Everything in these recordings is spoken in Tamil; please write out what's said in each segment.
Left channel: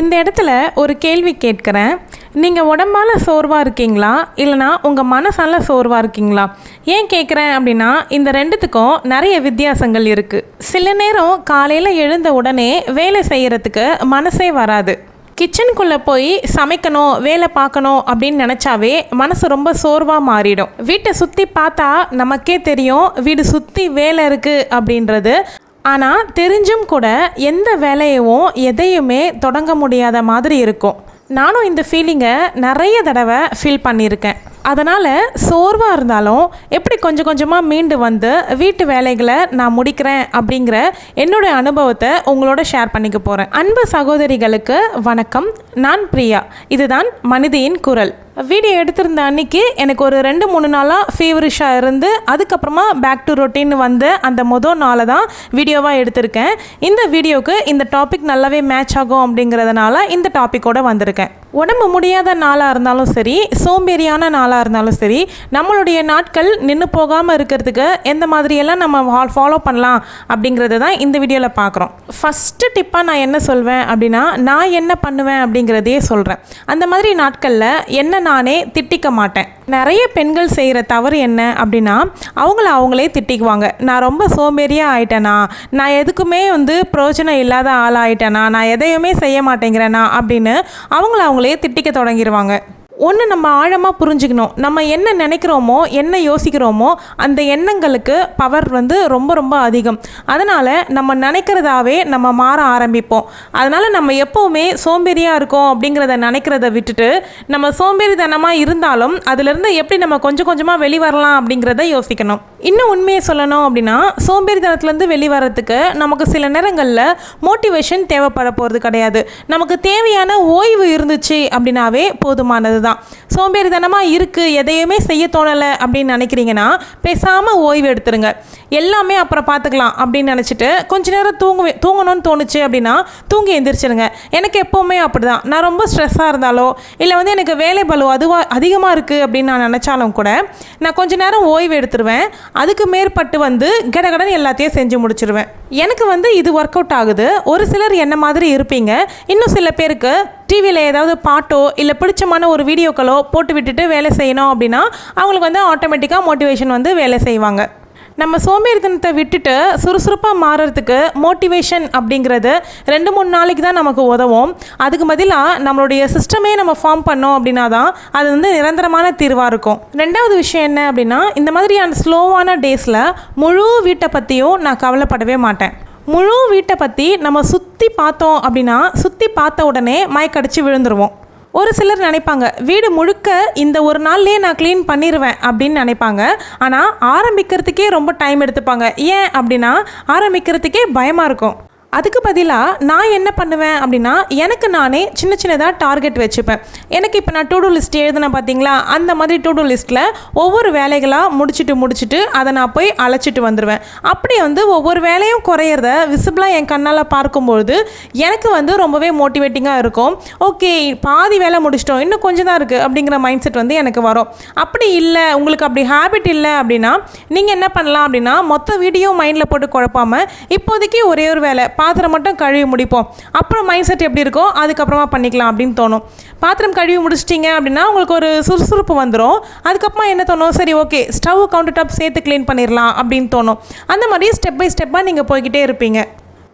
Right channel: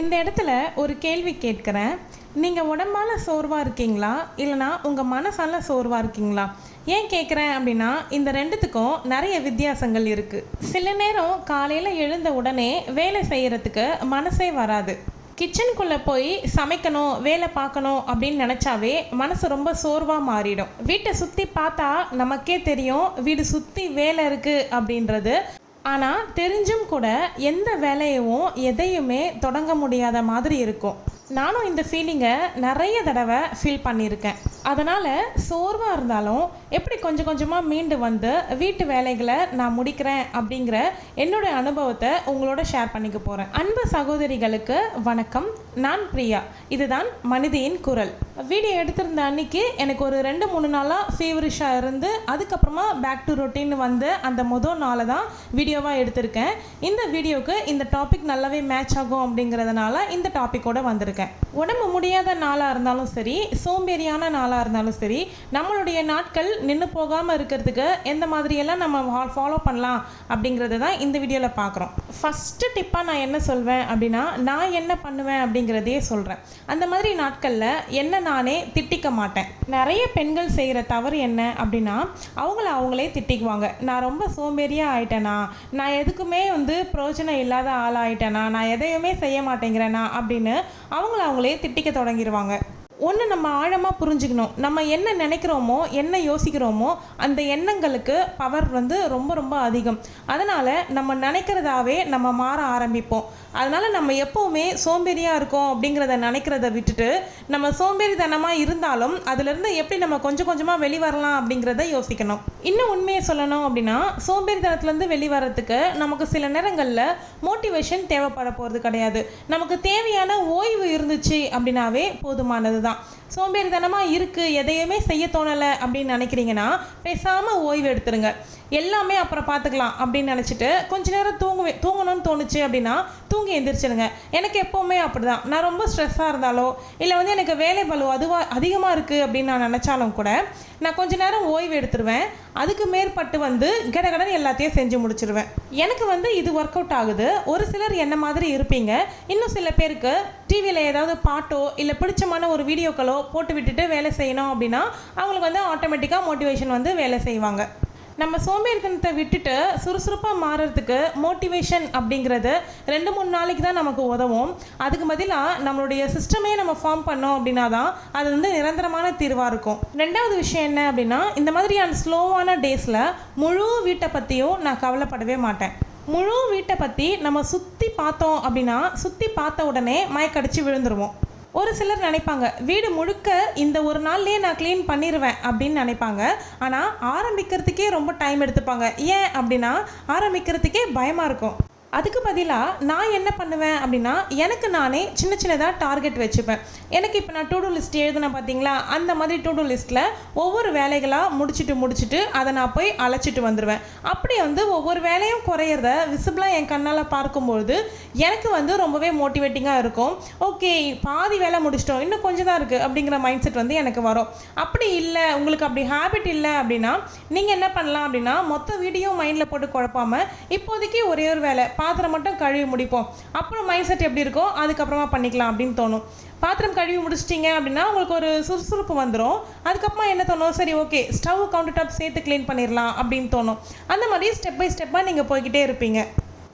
இந்த இடத்துல ஒரு கேள்வி கேட்குறேன். நீங்கள் உடம்பால் சோர்வாக இருக்கீங்களா, இல்லைனா உங்கள் மனசால சோர்வாக இருக்கீங்களா? ஏன் கேட்குறேன் அப்படின்னா, இந்த ரெண்டுத்துக்கும் நிறைய வித்தியாசங்கள் இருக்குது. சில நேரம் காலையில் எழுந்த உடனே வேலை செய்கிறதுக்கு மனசே வராது. கிச்சனுக்குள்ளே போய் சமைக்கணும், வேலை பார்க்கணும் அப்படின்னு நினச்சாவே மனசு ரொம்ப சோர்வாக மாறிடும். வீட்டை சுற்றி பார்த்தா நமக்கே தெரியும் வீடு சுற்றி வேலை இருக்குது அப்படின்றது. ஆனால் தெரிஞ்சும் கூட எந்த வேலையவும் எதையுமே தொடங்க முடியாத மாதிரி இருக்கும். நானும் இந்த ஃபீலிங்கை நிறைய தடவை ஃபீல் பண்ணியிருக்கேன். அதனால் சோர்வாக இருந்தாலும் எப்படி கொஞ்சம் கொஞ்சமாக மீண்டு வந்து வீட்டு வேலைகளை நான் முடிக்கிறேன் அப்படிங்கிற என்னுடைய அனுபவத்தை உங்களோட ஷேர் பண்ணிக்க போகிறேன். அன்பு சகோதரிகளுக்கு வணக்கம். நான் பிரியா. இதுதான் மனிதியின் குரல். வீடியோ எடுத்திருந்த அன்னைக்கு எனக்கு ஒரு 2-3 நாளாக ஃபீவரிஷாக இருந்து அதுக்கப்புறமா பேக் டு ரொட்டீன் வந்து அந்த மொதல் நாளை தான் வீடியோவாக எடுத்திருக்கேன். இந்த வீடியோவுக்கு இந்த டாபிக் நல்லாவே மேட்ச் ஆகும் அப்படிங்கிறதுனால இந்த டாப்பிக்கோடு வந்திருக்கேன். உடம்பு முடியாத நாளாக இருந்தாலும் சரி, சோம்பேறியான நாளாக இருந்தாலும் சரி, நம்மளுடைய நாட்கள் நின்று போகாமல் இருக்கிறதுக்கு எந்த மாதிரியெல்லாம் நம்ம ஃபாலோ பண்ணலாம் அப்படிங்கிறத தான் இந்த வீடியோவில் பார்க்குறோம். ஃபஸ்ட்டு டிப்பாக நான் என்ன சொல்வேன் அப்படின்னா, நான் என்ன பண்ணுவேன் அப்படிங்கிறதையே சொல்கிறேன். அந்த மாதிரி நாட்களில் என்ன நானே திட்டிக்க மாட்டேன். நிறைய பெண்கள் செய்கிற தவறு என்ன அப்படின்னா, அவங்களே திட்டிக்குவாங்க. நான் ரொம்ப சோம்பேறியாக ஆயிட்டேனா, நான் எதுக்குமே பிரயோஜனம் இல்லாத ஆள் ஆயிட்டேனா, நான் எதையுமே செய்ய மாட்டேங்கிறேனா அப்படின்னு அவங்களே திட்டிக்க தொடங்கிடுவாங்க. ஒன்று நம்ம ஆழமாக புரிஞ்சுக்கணும். நம்ம என்ன நினைக்கிறோமோ, என்ன யோசிக்கிறோமோ, அந்த எண்ணங்களுக்கு பவர் ரொம்ப ரொம்ப அதிகம். அதனால் நம்ம நினைக்கிறதாவே நம்ம மாற ஆரம்பிப்போம். அதனால் நம்ம எப்போவுமே சோம்பேறியாக இருக்கோம் அப்படிங்கிறத நினைக்கிறத விட்டுட்டு, நம்ம சோம்பேறித்தனமாக இருந்தாலும் அதிலிருந்து எப்படி நம்ம கொஞ்சம் கொஞ்சமாக வெளிவரலாம் அப்படிங்கிறத யோசிக்கணும். இன்னும் உண்மையை சொல்லணும் அப்படின்னா, சோம்பேறித்தனத்துலேருந்து வெளிவரத்துக்கு நமக்கு சில நேரங்களில் மோட்டிவேஷன் தேவைப்பட போகிறது கிடையாது. நமக்கு தேவையான ஓய்வு இருந்துச்சு அப்படின்னாவே போதுமானது தான். சோம்பேறித்தனமாக இருக்குது, எதையுமே செய்ய தோணலை அப்படின்னு நினைக்கிறீங்கன்னா பேசாமல் ஓய்வு எடுத்துருங்க. எல்லாமே அப்புறம் பார்த்துக்கலாம் அப்படின்னு நினச்சிட்டு கொஞ்ச நேரம் தூங்கணும்னு தோணுச்சு அப்படின்னா தூங்கி எந்திரிச்சிருங்க. எனக்கு எப்போவுமே அப்படி தான். நான் ரொம்ப ஸ்ட்ரெஸ்ஸாக இருந்தாலோ இல்லை எனக்கு வேலை பளு அதிகமாக இருக்குது அப்படின்னு நான் நினச்சாலும் கூட நான் கொஞ்ச நேரம் ஓய்வு எடுத்துருவேன். அதுக்கு மேற்பட்டு கடகடன்னு எல்லாத்தையும் செஞ்சு முடிச்சிருவேன். எனக்கு இது ஒர்க் அவுட் ஆகுது. ஒரு சிலர் என்ன மாதிரி இருப்பீங்க. இன்னும் சில பேருக்கு டிவியில் ஏதாவது பாட்டோ இல்லை பிடிச்சமான ஒரு வீடியோக்களோ போட்டு விட்டுட்டு வேலை செய்யணும் அப்படின்னா அவங்களுக்கு ஆட்டோமேட்டிக்காக மோட்டிவேஷன் வேலை செய்வாங்க. நம்ம சோம்பேறித்தனத்தை விட்டுட்டு சுறுசுறுப்பாக மாறுறதுக்கு மோட்டிவேஷன் அப்படிங்கிறது 2-3 நாளைக்கு தான் நமக்கு உதவும். அதுக்கு பதிலாக நம்மளுடைய சிஸ்டமே நம்ம ஃபார்ம் பண்ணோம் அப்படின்னா தான் அது நிரந்தரமான தீர்வாக இருக்கும். ரெண்டாவது விஷயம் என்ன அப்படின்னா, இந்த மாதிரியான ஸ்லோவான டேஸில் முழு வீட்டை பற்றியும் நான் கவலைப்படவே மாட்டேன். முழு வீட்டை பற்றி நம்ம சுற்றி பார்த்தோம் அப்படின்னா சுற்றி பார்த்த உடனே மயக்கடிச்சு விழுந்துருவோம். ஒரு சிலர் நினைப்பாங்க வீடு முழுக்க இந்த ஒரு நாள்லேயே நான் க்ளீன் பண்ணிடுவேன் அப்படின்னு நினைப்பாங்க. ஆனால் ஆரம்பிக்கிறதுக்கே ரொம்ப டைம் எடுத்துப்பாங்க. ஏன் அப்படின்னா ஆரம்பிக்கிறதுக்கே பயமாக இருக்கும். அதுக்கு பதிலாக நான் என்ன பண்ணுவேன் அப்படின்னா, எனக்கு நானே சின்னதாக டார்கெட் வச்சுப்பேன். எனக்கு இப்போ நான் டூ லிஸ்ட் எழுதுனேன் பார்த்தீங்களா, அந்த மாதிரி டூ லிஸ்ட்டில் ஒவ்வொரு வேலைகளாக முடிச்சுட்டு அதை நான் போய் அழைச்சிட்டு வந்துடுவேன். அப்படி ஒவ்வொரு வேலையும் குறையிறத விசிபிளாக என் கண்ணால் பார்க்கும்பொழுது எனக்கு ரொம்பவே மோட்டிவேட்டிங்காக இருக்கும். ஓகே, பாதி வேலை முடிச்சிட்டோம், இன்னும் கொஞ்சம் தான் இருக்குது அப்படிங்கிற மைண்ட் செட் எனக்கு வரும். அப்படி இல்லை, உங்களுக்கு அப்படி ஹேபிட் இல்லை அப்படின்னா நீங்கள் என்ன பண்ணலாம் அப்படின்னா, மொத்த வீடியோ மைண்டில் போட்டு குழப்பாமல் இப்போதைக்கு ஒரே ஒரு வேலை பாத்திரம் மட்டும் கழுவி முடிப்போம், அப்புறம் மைண்ட் செட் எப்படி இருக்கோ அதுக்கப்புறமா பண்ணிக்கலாம் அப்படின்னு தோணும். பாத்திரம் கழுவி முடிச்சிட்டிங்க அப்படின்னா உங்களுக்கு ஒரு சுறுசுறுப்பு வந்துடும். அதுக்கப்புறமா என்ன தோணும், சரி ஓகே ஸ்டவ் கவுண்டர் டாப் சேர்த்து க்ளீன் பண்ணிடலாம் அப்படின்னு தோணும். அந்த மாதிரி ஸ்டெப் பை ஸ்டெப்பாக நீங்கள் போய்கிட்டே இருப்பீங்க.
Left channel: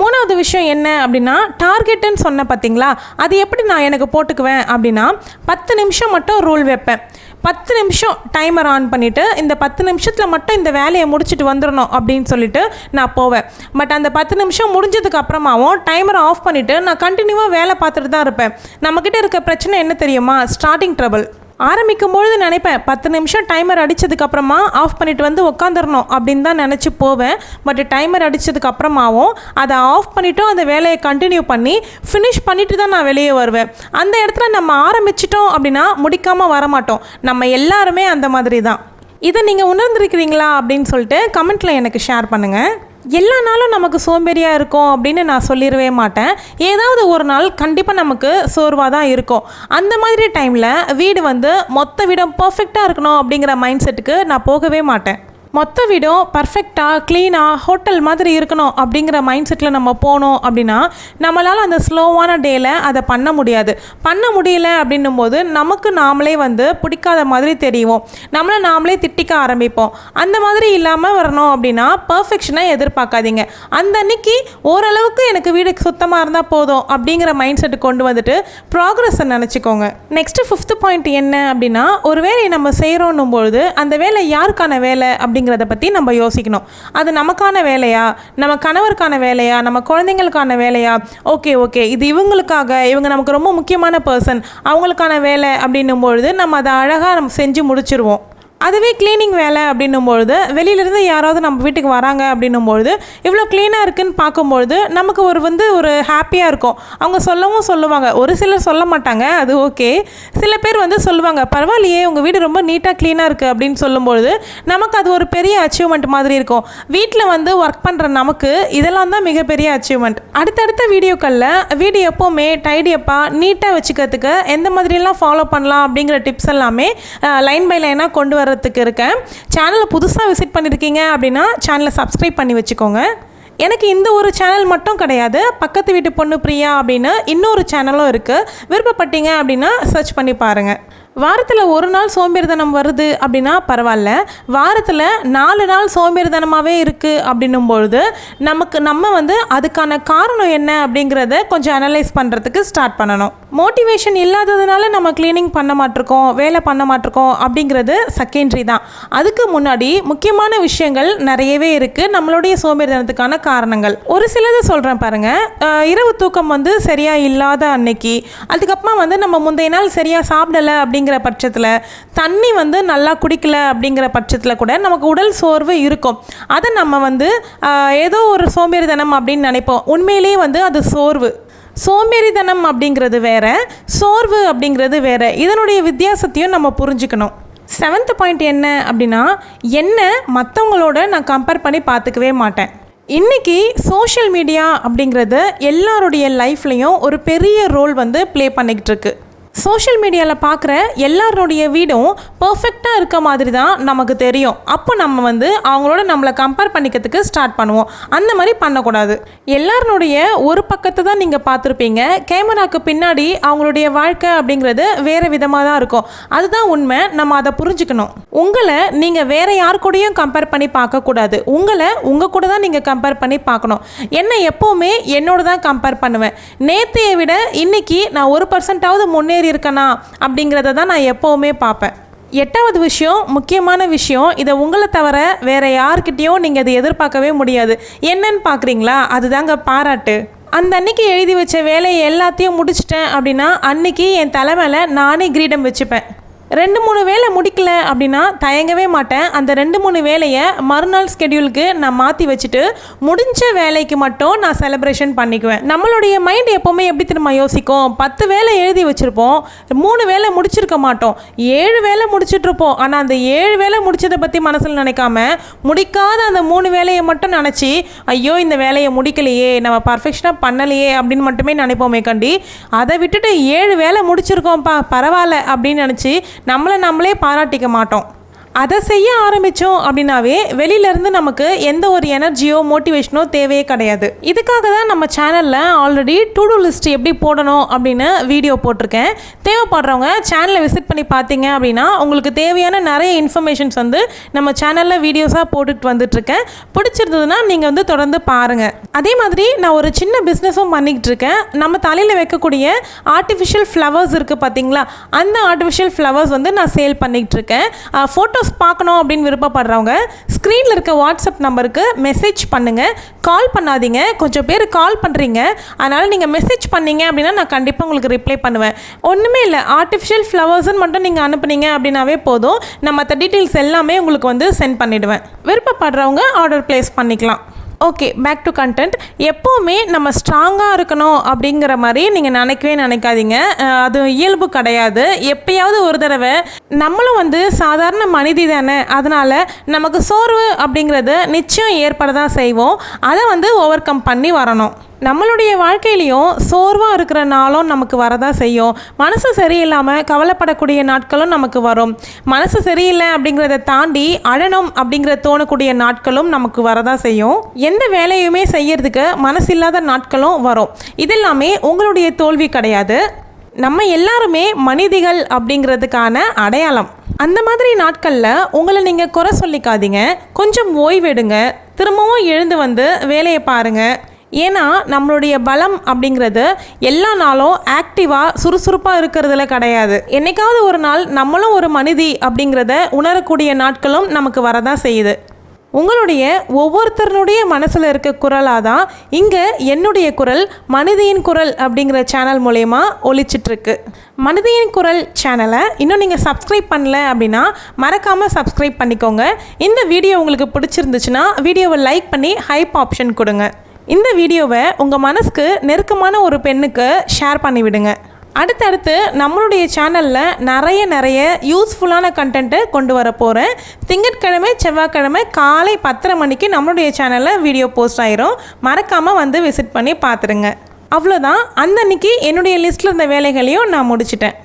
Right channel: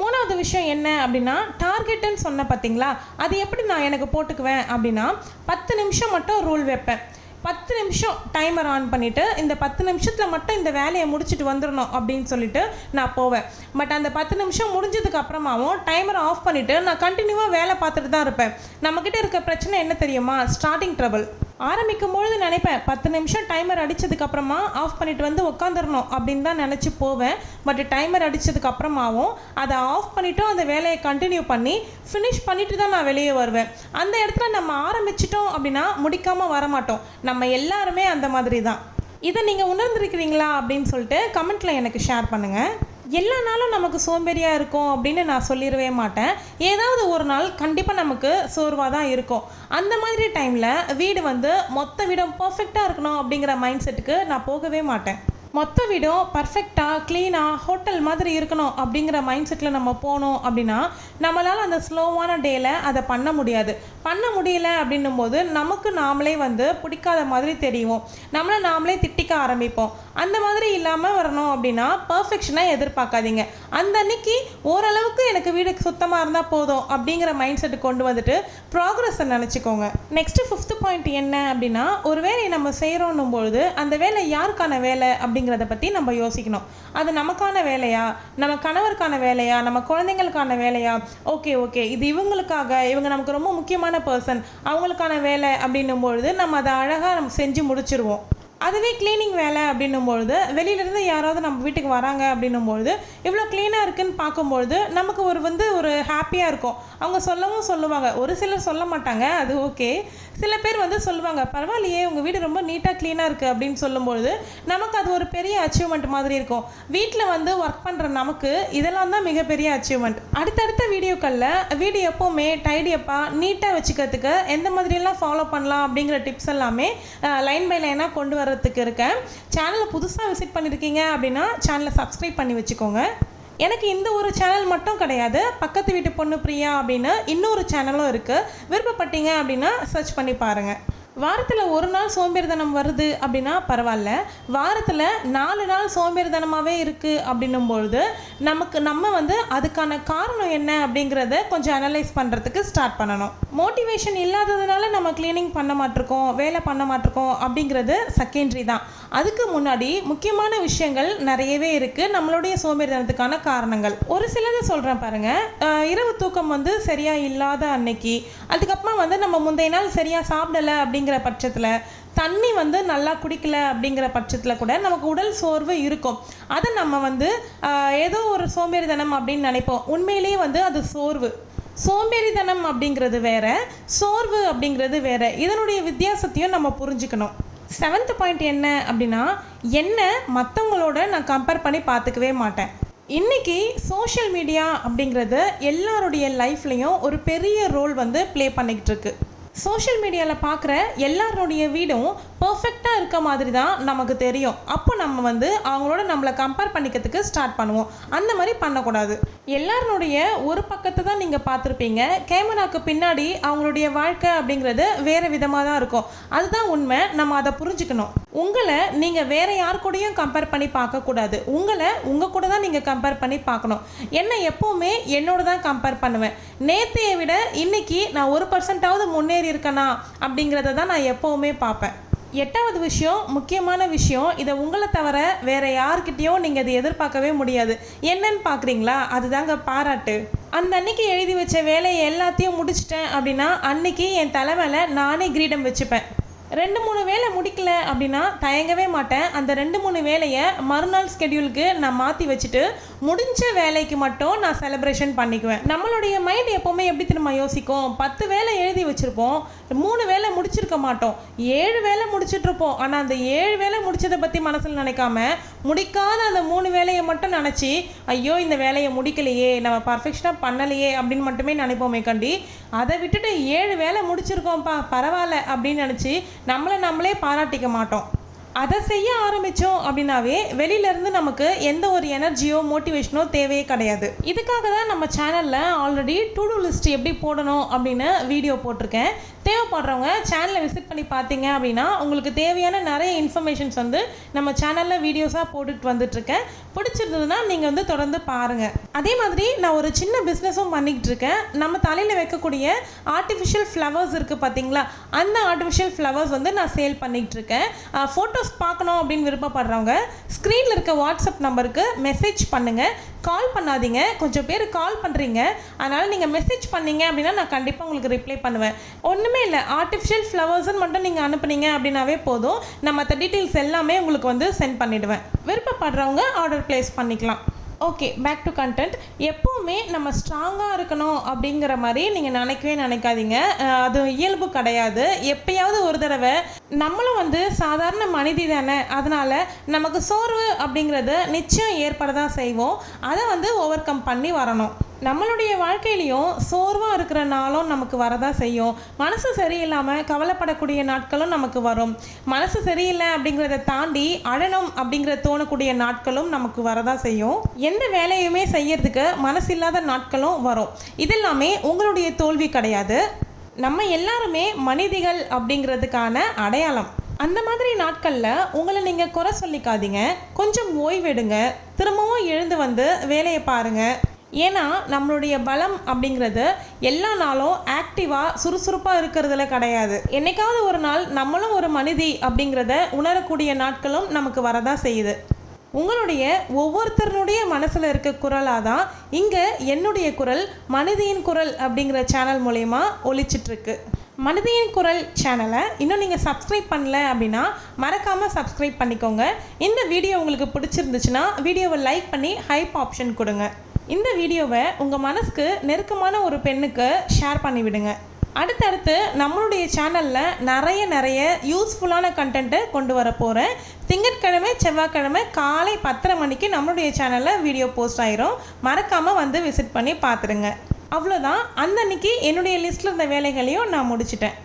மூணாவது விஷயம் என்ன அப்படின்னா, டார்கெட்டுன்னு சொன்ன பார்த்தீங்களா, அது எப்படி நான் எனக்கு போட்டுக்குவேன் அப்படின்னா 10 நிமிஷம் மட்டும் ரூல் வைப்பேன். 10 நிமிஷம் டைமர் ஆன் பண்ணிவிட்டு இந்த 10 நிமிஷத்தில் மட்டும் இந்த வேலையை முடிச்சுட்டு வந்துடணும் அப்படின்னு சொல்லிட்டு நான் போவேன். பட் அந்த 10 நிமிஷம் முடிஞ்சதுக்கு அப்புறமாவும் டைமரை ஆஃப் பண்ணிவிட்டு நான் கண்டினியூவாக வேலை பார்த்துட்டு தான் இருப்பேன். நம்மக்கிட்ட இருக்க பிரச்சனை என்ன தெரியுமா, ஸ்டார்டிங் ட்ரபிள். ஆரம்பிக்கும் பொழுது நினைப்பேன் 10 நிமிஷம் டைமர் அடித்ததுக்கப்புறமா ஆஃப் பண்ணிவிட்டு உட்காந்துடணும் அப்படின்னு தான் நினச்சி போவேன். பட் டைமர் அடித்ததுக்கப்புறமாவும் அதை ஆஃப் பண்ணிவிட்டு அந்த வேலையை கண்டினியூ பண்ணி ஃபினிஷ் பண்ணிவிட்டு தான் நான் வெளியே வருவேன். அந்த இடத்துல நம்ம ஆரம்பிச்சிட்டோம் அப்படின்னா முடிக்காமல் வரமாட்டோம். நம்ம எல்லாருமே அந்த மாதிரி தான். இதை நீங்கள் உணர்ந்திருக்கிறீங்களா அப்படின்னு சொல்லிட்டு கமெண்ட்டில் எனக்கு ஷேர் பண்ணுங்கள். எல்லா நாளும் நமக்கு சோம்பேறியாக இருக்கும் அப்படின்னு நான் சொல்லிடவே மாட்டேன். ஏதாவது ஒரு நாள் கண்டிப்பாக நமக்கு சோர்வாக தான் இருக்கும். அந்த மாதிரி டைமில் வீடு மொத்த வீடும் பர்ஃபெக்டாக இருக்கணும் அப்படிங்கிற மைண்ட் செட்டுக்கு நான் போகவே மாட்டேன். மொத்த வீடும் பர்ஃபெக்டாக க்ளீனாக ஹோட்டல் மாதிரி இருக்கணும் அப்படிங்கிற மைண்ட் செட்டில் நம்ம போனோம் அப்படின்னா நம்மளால் அந்த ஸ்லோவான டேயில் அதை பண்ண முடியல அப்படின்னும் போது நமக்கு நாமளே வந்து பிடிக்காத மாதிரி தெரியும், நம்மளை நாமளே திட்டிக்க ஆரம்பிப்போம். அந்த மாதிரி இல்லாமல் வரணும் அப்படின்னா பர்ஃபெக்ஷனை எதிர்பார்க்காதீங்க. அந்த அன்னைக்கு ஓரளவுக்கு எனக்கு வீடு சுத்தமாக இருந்தால் போதும் அப்படிங்கிற மைண்ட் செட்டு கொண்டு வந்துட்டு ப்ராக்ரஸை நினச்சிக்கோங்க. நெக்ஸ்ட்டு 5th பாயிண்ட் என்ன அப்படின்னா, ஒரு வேலையை நம்ம செய்கிறோன்னும் பொழுது அந்த வேலை யாருக்கான வேலை அப்படிங்கிறத பற்றி நம்ம யோசிக்கணும். அது நமக்கான வேலையா, நம்ம கணவருக்கான வேலையா, நம்ம குழந்தைங்களுக்கான வேலையா? ஓகே இது இவங்க நமக்கு ரொம்ப முக்கியமான பர்சன், அவங்களுக்கான வேலை அப்படின்னும் பொழுது நம்ம அதை அழகாக நம்ம செஞ்சு முடிச்சிருவோம். அதுவே க்ளீனிங் வேலை அப்படின்னும்பொழுது வெளியிலேருந்து யாராவது நம்ம வீட்டுக்கு வராங்க அப்படின்னும்பொழுது இவ்வளோ க்ளீனாக இருக்குதுன்னு பார்க்கும்பொழுது நமக்கு ஒரு ஹாப்பியாக இருக்கும். அவங்க சொல்லுவாங்க, ஒரு சிலர் சொல்ல மாட்டாங்க, அது ஓகே. சில பேர் வந்து சொல்லுவாங்க, பரவாயில்லையே உங்கள் வீடு ரொம்ப நீட்டாக க்ளீனாக இருக்குது அப்படின்னு சொல்லும்பொழுது நமக்கு அது ஒரு பெரிய அச்சீவ்மெண்ட் மாதிரி இருக்கும். வீட்டில் வந்து ஒர்க் பண்ணுற நமக்கு இதெல்லாம் தான் மிகப்பெரிய அச்சீவ்மெண்ட். அடுத்தடுத்த வீடியோக்களில் வீடு எப்போவுமே டைடியப்பாக நீட்டாக வச்சுக்கிறதுக்கு எந்த மாதிரிலாம் ஃபாலோ பண்ணலாம் அப்படிங்கிற டிப்ஸ் எல்லாமே லைன் பை லைனாக கொண்டு வர இருக்கேன். சேனலை புதுசாக விசிட் பண்ணியிருக்கீங்க அப்படின்னா சேனலை சப்ஸ்கிரைப் பண்ணி வச்சுக்கோங்க. எனக்கு இந்த ஒரு சேனல் மட்டும் கிடையாது, பக்கத்து வீட்டு பொண்ணு பிரியா அப்படின்னு இன்னொரு சேனலும் இருக்குது. விருப்பப்பட்டீங்க அப்படின்னா சர்ச் பண்ணி பாருங்கள். வாரத்தில் ஒரு நாள் சோம்பேறித்தனம் வருது அப்படின்னா பரவாயில்ல, வாரத்தில் 4 நாள் சோம்பேறித்தனமாகவே இருக்குது அப்படின்னும் பொழுது நம்ம வந்து அதுக்கான காரணம் என்ன அப்படிங்கிறத கொஞ்சம் அனலைஸ் பண்ணுறதுக்கு ஸ்டார்ட் பண்ணணும். மோட்டிவேஷன் இல்லாததுனால நம்ம க்ளீனிங் பண்ண மாட்டிருக்கோம், வேலை பண்ண மாட்டிருக்கோம் அப்படிங்கிறது செகண்டரி தான். அதுக்கு முன்னாடி முக்கியமான விஷயங்கள் நிறையவே இருக்குது நம்மளுடைய சோம்பேறித்தனத்துக்கான காரணங்கள். ஒரு சிலது சொல்கிறேன் பாருங்கள். இரவு தூக்கம் வந்து சரியாக இல்லாத அன்னைக்கு, அதுக்கப்புறமா வந்து நம்ம முந்தைய நாள் சரியாக சாப்பிடலை அப்படிங்கிற பட்சத்தில், தண்ணி வந்து நல்லா குடிக்கல அப்படிங்கிற பட்சத்தில் கூட நமக்கு உடல் சோர்வு இருக்கும். அதை நம்ம வந்து ஏதோ ஒரு சோம்பேறித்தனம் அப்படின்னு நினைப்போம். உண்மையிலேயே வந்து அது சோம்பேறித்தனம் அப்படிங்கிறது வேற, சோர்வு அப்படிங்கிறது வேற. இதனுடைய வித்தியாசத்தையும் நம்ம புரிஞ்சுக்கணும். 7th பாயிண்ட் என்ன அப்படின்னா, என்ன மற்றவங்களோட நான் கம்பேர் பண்ணி பார்த்துக்கவே மாட்டேன். இன்றைக்கி சோஷியல் மீடியா அப்படிங்கிறது எல்லாருடைய லைஃப்லேயும் ஒரு பெரிய ரோல் வந்து ப்ளே பண்ணிக்கிட்டு இருக்கு. சோஷியல் மீடியாவில் பார்க்குற எல்லாருடைய வீடும் பர்ஃபெக்டாக இருக்க மாதிரி தான் நமக்கு தெரியும். அப்போ நம்ம வந்து அவங்களோட நம்மளை கம்பேர் பண்ணிக்கிறதுக்கு ஸ்டார்ட் பண்ணுவோம். அந்த மாதிரி பண்ணக்கூடாது. எல்லாருடைய ஒரு பக்கத்தை தான் நீங்கள் பார்த்துருப்பீங்க. கேமராவுக்கு பின்னாடி அவங்களுடைய வாழ்க்கை அப்படிங்கிறது வேறு விதமாக தான் இருக்கும். அதுதான் உண்மை. நம்ம அதை புரிஞ்சுக்கணும். உங்களை நீங்கள் வேறு யார் கூடயும் கம்பேர் பண்ணி பார்க்கக்கூடாது. உங்கள் கூட தான் நீங்கள் கம்பேர் பண்ணி பார்க்கணும். என்னை எப்போவுமே என்னோட தான் கம்பேர் பண்ணுவேன். நேற்றையை விட இன்றைக்கி நான் 1% முன்னேறி இருக்கனா அப்படிங்கிறத தான் நான் எப்போவுமே பார்ப்பேன். 8வது விஷயம், முக்கியமான விஷயம், இதை உங்களை தவிர வேறு யார்கிட்டையும் நீங்கள் அதை எதிர்பார்க்கவே முடியாது. என்னன்னு பார்க்குறீங்களா? அதுதாங்க பாராட்டு. அந்த அன்னைக்கு எழுதி வச்ச வேலையை எல்லாத்தையும் முடிச்சிட்டேன் அப்படின்னா அன்னைக்கு என் தலை மேலே நானே கிரீடம் வச்சுப்பேன். 2-3 வேலை முடிக்கல அப்படின்னா தயங்கவே மாட்டேன். அந்த 2-3 வேலையை மறுநாள் ஸ்கெடியூலுக்கு நான் மாற்றி வச்சுட்டு முடிஞ்ச வேலைக்கு மட்டும் நான் செலிப்ரேஷன் பண்ணிக்குவேன். நம்மளுடைய மைண்ட் எப்போவுமே எப்படி திரும்ப யோசிக்கும், 10 வேலை எழுதி வச்சுருப்போம், 3 வேலை முடிச்சிருக்க மாட்டோம், 7 வேலை முடிச்சிட்ருப்போம். ஆனால் அந்த 7 வேலை முடிச்சதை பற்றி மனசில் நினைக்காம முடிக்காத அந்த 3 வேலையை மட்டும் நினச்சி ஐயோ இந்த வேலையை முடிக்கலையே, நம்ம பர்ஃபெக்ஷனாக பண்ணலையே அப்படின்னு மட்டுமே நினைப்போமே கண்டி. அதை விட்டுட்டு 7 வேலை முடிச்சிருக்கோம்ப்பா பரவாயில்ல அப்படின்னு நினச்சி நம்மளே பாராட்டிக்க மாட்டோம். அதை செய்ய ஆரம்பித்தோம் அப்படின்னாவே வெளியிலேருந்து நமக்கு எந்த ஒரு எனர்ஜியோ மோட்டிவேஷனோ தேவையே கிடையாது. இதுக்காக தான் நம்ம சேனலில் ஆல்ரெடி டு டூ லிஸ்ட் எப்படி போடணும் அப்படின்னு வீடியோ போட்டிருக்கேன். தேவைப்படுறவங்க சேனலை விசிட் பண்ணி பார்த்தீங்க அப்படின்னா உங்களுக்கு தேவையான நிறைய இன்ஃபர்மேஷன்ஸ் வந்து நம்ம சேனலில் வீடியோஸாக போட்டுட்டு வந்துட்டுருக்கேன். பிடிச்சிருந்ததுன்னா நீங்கள் வந்து தொடர்ந்து பாருங்கள். அதே மாதிரி நான் ஒரு சின்ன பிஸ்னஸும் பண்ணிக்கிட்டு இருக்கேன். நம்ம தலையில் வைக்கக்கூடிய ஆர்டிஃபிஷியல் ஃப்ளவர்ஸ் இருக்குது பார்த்தீங்களா, அந்த ஆர்டிஃபிஷியல் ஃப்ளவர்ஸ் வந்து நான் சேல் பண்ணிக்கிட்டு இருக்கேன். ஃபோட்டோஸ் பார்க்கணும் அப்படின்னு விருப்பப்படுறவங்க ஸ்க்ரீனில் இருக்க வாட்ஸ்அப் நம்பருக்கு மெசேஜ் பண்ணுங்கள். கால் பண்ணாதீங்க. கொஞ்சம் பேர் கால் பண்ணுறீங்க, அதனால் நீங்கள் மெசேஜ் பண்ணீங்க அப்படின்னா நான் கண்டிப்பாக உங்களுக்கு ரிப்ளை பண்ணுவேன். ஒன்றுமே இல்லை, ஆர்டிஃபிஷியல் ஃப்ளவர்ஸ்ன்னு மட்டும் நீங்கள் அனுப்புனீங்க அப்படின்னாவே போதும். நான் மற்ற டீட்டெயில்ஸ் எல்லாமே உங்களுக்கு வந்து சென்ட் பண்ணிவிடுவேன். விருப்பப்படுறவங்க ஆர்டர் ப்ளேஸ் பண்ணிக்கலாம். Okay, back to content. எப்போவுமே நம்ம ஸ்ட்ராங்காக இருக்கணும் அப்படிங்கிற மாதிரி நீங்கள் நினைக்காதீங்க. அது இயல்பு கிடையாது. எப்பயாவது ஒரு தடவை நம்மளும் வந்து சாதாரண மனிதி தானே, அதனால் நமக்கு சோர்வு அப்படிங்கிறது நிச்சயம் ஏற்பட தான் செய்வோம். அதை வந்து ஓவர் கம் பண்ணி வரணும். நம்மளுடைய வாழ்க்கையிலையும் சோர்வாக இருக்கிற நாளும் நமக்கு வரதான் செய்யும். மனசு சரியில்லாமல் கவலைப்படக்கூடிய நாட்களும் நமக்கு வரும். மனசு சரியில்லை அப்படிங்கிறத தாண்டி அழணும் அப்படிங்கிற தோணக்கூடிய நாட்களும் நமக்கு வரதான் செய்யும். எந்த வேலையுமே செய்யறதுக்கு மனசில்லாத நாட்களும் வரும். இதெல்லாமே உங்களுடைய தோல்வி கிடையாது. நம்ம எல்லாருமே மனிதிகள் அப்படிங்கிறதுக்கான அடையாளம். அந்த மாதிரி நாட்களில் உங்களை நீங்கள் குறை சொல்லிக்காதீங்க. கொஞ்சம் ஓய்வெடுங்க. திரும்பவும் எழுந்து வந்து வேலையை பாருங்கள். ஏன்னா நம்மளுடைய பலம் அப்படிங்கிறது எல்லா நாளும் ஆக்டிவாக சுறுசுறுப்பாக இருக்கிறதுல கிடையாது. என்னைக்காவது ஒரு நாள் நம்மளும் ஒரு மனிதி அப்படிங்கிறத உணரக்கூடிய நாட்களும் நமக்கு வரதான் செய்யுது. உங்களுடைய ஒவ்வொருத்தருடைய மனசில் இருக்க குரலாக தான் இங்கே என்னுடைய குரல் மனிதியின் குரல் அப்படிங்கிற சேனல் மூலயமா ஒலிச்சிட்ருக்கு. மனிதியின் குரல் சேனலை இன்னும் நீங்கள் சப்ஸ்கிரைப் பண்ணல அப்படின்னா மறக்காமல் சப்ஸ்கிரைப் பண்ணிக்கோங்க. இந்த வீடியோ உங்களுக்கு பிடிச்சிருந்துச்சுன்னா வீடியோவை லைக் பண்ணி ஹைப் ஆப்ஷன் கொடுங்க. இந்த வீடியோவை உங்கள் மனசுக்கு நெருக்கமான ஒரு பெண்ணுக்கு ஷேர் பண்ணிவிடுங்க. அடுத்தடுத்து நம்மளுடைய சேனலில் நிறைய யூஸ்ஃபுல்லான கண்டென்ட்டு கொண்டு வர போகிறேன். திங்கட்கிழமை செவ்வாய்க்கிழமை காலை 10:30 மணிக்கு நம்மளுடைய சேனலில் வீடியோ போஸ்ட் ஆயிரும். மறக்காமல் வந்து விசிட் பண்ணி பார்த்துருங்க. அவ்வளோதான். அன்னன்னைக்கு என்னுடைய லிஸ்ட்டில் இருந்த வேலைகளையும் நான் முடிச்சிட்டேன்.